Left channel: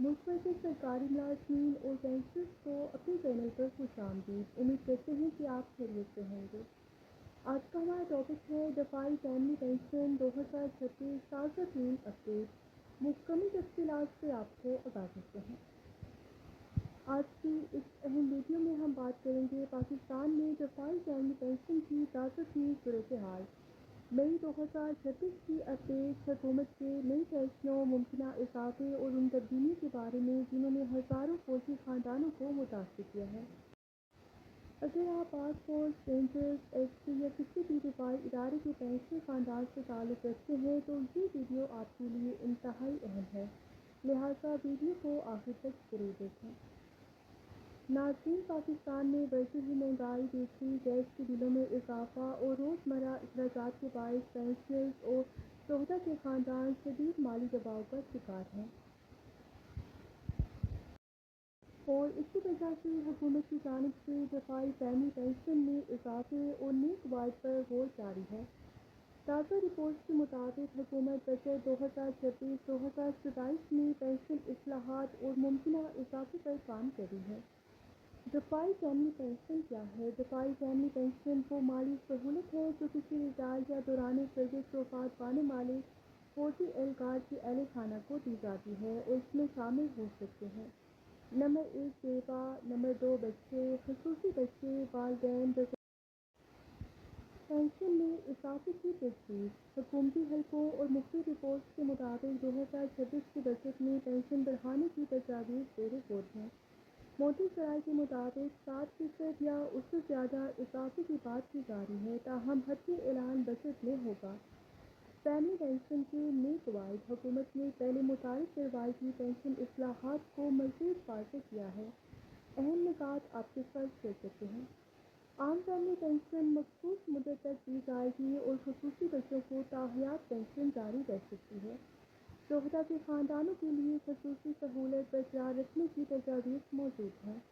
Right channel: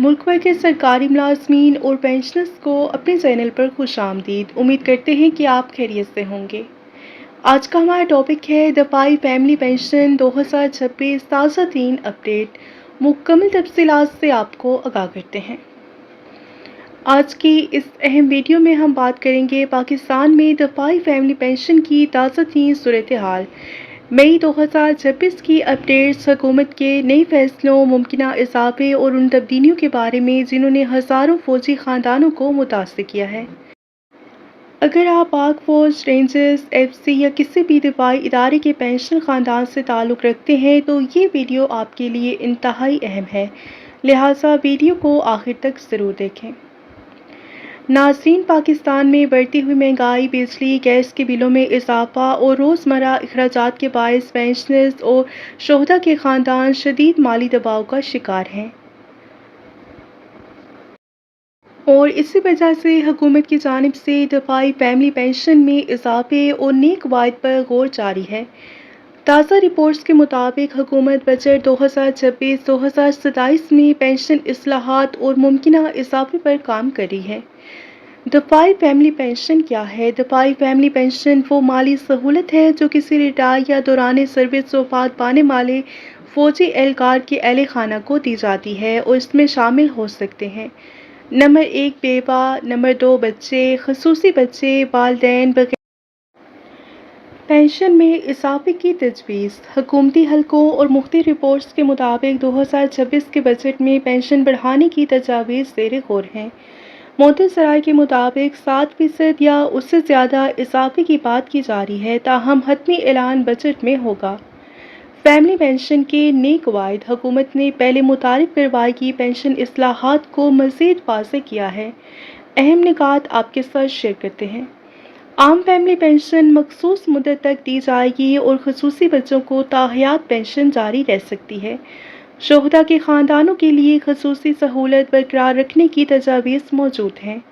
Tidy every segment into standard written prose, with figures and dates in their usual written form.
मुल्क भर के सरकारी मुलाजमीन और पेंशनर्स को अपने चैनल पर खुशामदीद। उम्मीद करते हैं कि आप खैरियत से होंगे। आज का हमारा टॉपिक है दफाई फैमिली पेंशन 2026 ताज़ा तीन अपडेट। मुकम्मल तफसीलात से आपको आगाह करते हैं। आज की इस अहम वीडियो में हम बात करेंगे पाकिस्तान में दफाई फैमिली पेंशन की ताज़ा तीन सूरत हाल, मई 2026 की अपडेट्स, हुकूमत के नए फैसलों, मुमकिना इजाफे और उन तब्दीलियों के बारे में जिन्होंने हज़ारों फौजी ख़ानदानों को मुतासर किया है। अगर आप पाक फौज, रेंजर्स, एफसी या किसी भी दफाई इदारे के पेंशन ख़ानदान से ताल्लुक़ रखते हैं तो ये वीडियो आपके लिए इंतहाई अहम है, लिहाजा वीडियो को आखिर तक ज़रूर देखें। नाज़रीन, पाकिस्तान में बढ़ती हुई महंगाई, बिजली गैस के बिलों में इजाफा और रोज़मर्रा अखराजात के बायस पेंशनर्स और शोहदा के ख़ानदान शदीद माली दबाव का शिकार हैं और इसी वजह से हुकूमत की जानिब से दफाई फैमिली पेंशन में इजाफे और नए कवायद पर गौर जारी है। ताज़ा रिपोर्ट्स के मुताबिक हुकूमत बजट 2026-2027 में पेंशन इस्लाहात और मुमकिना इजाफे पर काम कर रही है। दफाई फैमिली पेंशन क्या है? दफाई फैमिली पेंशन वो माली सहूलत है जो किसी रिटायर या दौरान सर्विस वफात पाने वाले फौजी एहलकार के अहल खाना को दी जाती है और इसमें शामिल हो सकते हैं नंबर 1 बेवा, नंबर 2 बच्चे, खसूसी बच्चे, वालिदैन वगैरह। पेंशन में इजाफे की तजवीज़। हुकूमती हलकों और मुख्तलिफ रिपोर्ट्स के मुताबिक 2026 के बजट में पेंशन बढ़ाने की तजावीज़ ज़ेर गौर हैं। मोहतसराय के मुताबिक 7% या उससे ज़्यादा इजाफे की बात की जा रही है, ताहम हतमी ऐलान बजट में होगा। फैमिली पेंशन के नए कवायद। हुकूमत ने पहले मुतारिफ करवाई गई पेंशन इस्लाहात को मज़ीद वाज़ेह किया है। अहम निकात आपके साथ शेयर करते हैं। आम फैमिली पेंशन मखसूस मुद्दत तक दी जाएगी और खसूसी बच्चों को ताहयात पेंशन जारी रह सकती है। शोहदा के ख़ानदानों के लिए खसूसी सहूलत बरकरार रखने की तजावीज़ मौजूद हैं।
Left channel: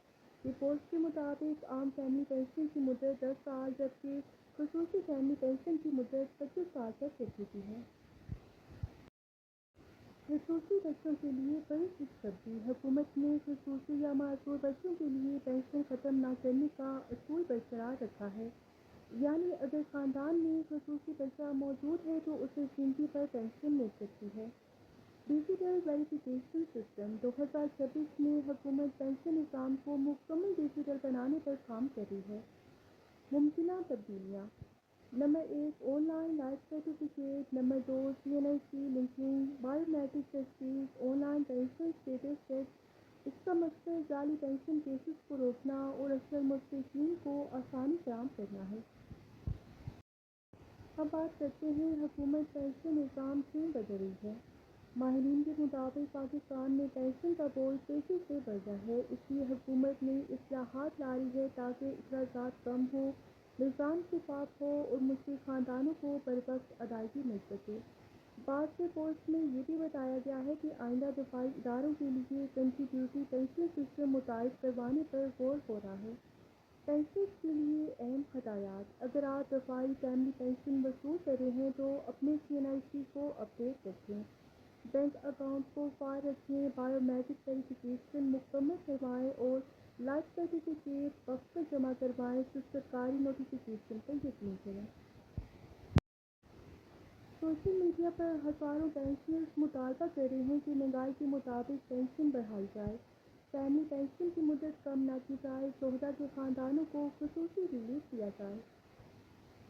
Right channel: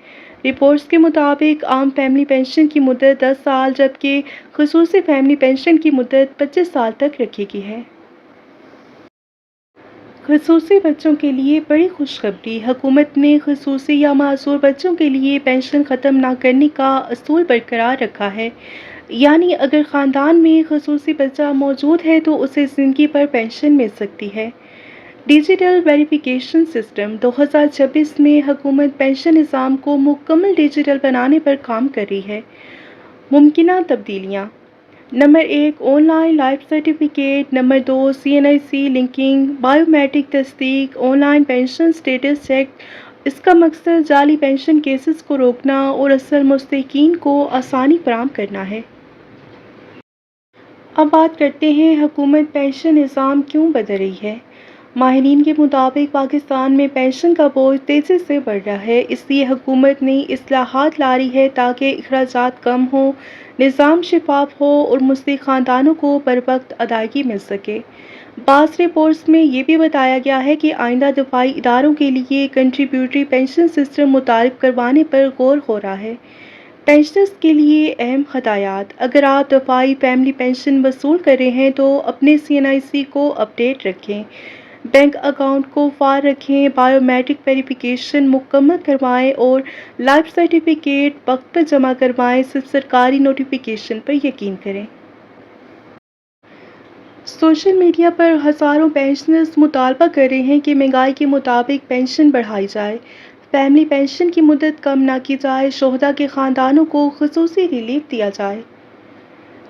रिपोर्ट्स के मुताबिक आम फैमिली पेंशन की मुद्दत 10 साल जबकि खसूसी फैमिली पेंशन की मुद्दत 25 साल तक रखी गई है। खसूसी बच्चों के लिए बड़ी खुशखबरी। हुकूमत ने खसूसी या मासूर बच्चों के लिए पेंशन ख़त्म न करने का असूल बरकरार रखा है, यानी अगर ख़ानदान में खसूसी बच्चा मौजूद है तो उसे ज़िंदगी पर पेंशन मिल सकती है। Digital verification system. 2026 में हुकूमत पेंशन निज़ाम को मुकम्मल डिजिटल बनाने पर काम कर रही है। मुमकिना तब्दीलियाँ। Number 1 online life certificate, number 2 CNIC linking, biometric तस्दीक, ऑनलाइन पेंशन स्टेटस चेक। इसका मकसद जाली पेंशन केसेस को रोकना और असल मुस्तहिकीन को आसानी फराहम करना है। अब बात करते हैं हुकूमत पेंशन निज़ाम क्यों बदल रही है। माहिरीन के मुताबिक पाकिस्तान में पेंशन का बोझ तेज़ी से बढ़ रहा है, इसलिए हुकूमत ने इस्लाहात ला रही है ताकि अखराजात कम हो, निज़ाम शफाफ हो और मुस्तहिक ख़ानदानों को बरवक्त अदायगी मिल सके। बाज़ रिपोर्ट्स में ये भी बताया गया है कि आइंदा दफाई इदारों के लिए कंट्रीब्यूटरी पेंशन सिस्टम मुतारिफ करवाने पर गौर हो रहा है। पेंशनर्स के लिए अहम हदायत। अगर आप दफाई फैमिली पेंशन वसूल कर रहे हैं तो अपने CNIC को अपडेट रखें, बैंक अकाउंट को फार रखें, बायोमेट्रिक वेरिफिकेशन मुकम्मल करवाएं और लाइफ सर्टिफिकेट वक्त पर जमा करवाएं। सिर्फ सरकारी नोटिफिकेशन पर यकीन करें। सोशल मीडिया पर हज़ारों पेंशनर्स मुतालबा कर रहे हैं कि महंगाई के मुताबिक पेंशन बढ़ाई जाए, फैमिली पेंशन की मुद्दत कम ना की जाए, शोहदा के ख़ानदानों को ख़ुसूसी रिलीफ दिया जाए।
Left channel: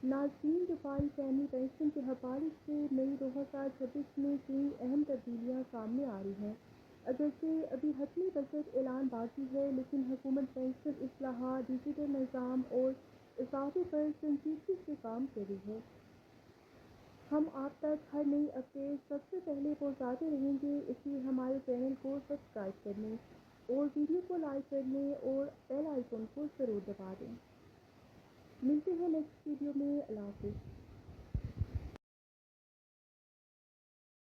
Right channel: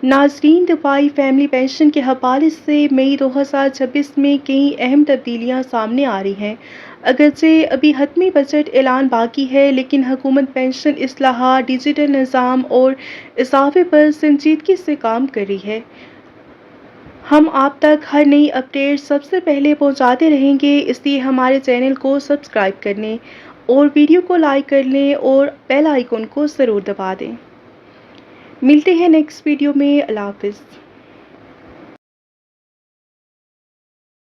नाज़रीन, दफाई फैमिली पेंशन के हवाले से मई 2026 में कई अहम तब्दीलियाँ सामने आ रही हैं। अगरचे अभी हतमी बजट ऐलान बाकी है, लेकिन हुकूमत पेंशन इस्लाहात, डिजिटल निज़ाम और इजाफे पर संजीदगी से काम कर रही है। हम आप तक हर नई अपडेट सबसे पहले पहुंचाते रहेंगे, इसलिए हमारे चैनल को सब्सक्राइब कर लें और वीडियो को लाइक कर लें और बेल आइकन को ज़रूर दबा दें। मिलते हैं नेक्स्ट वीडियो में। अल्लाह हाफ़िज़।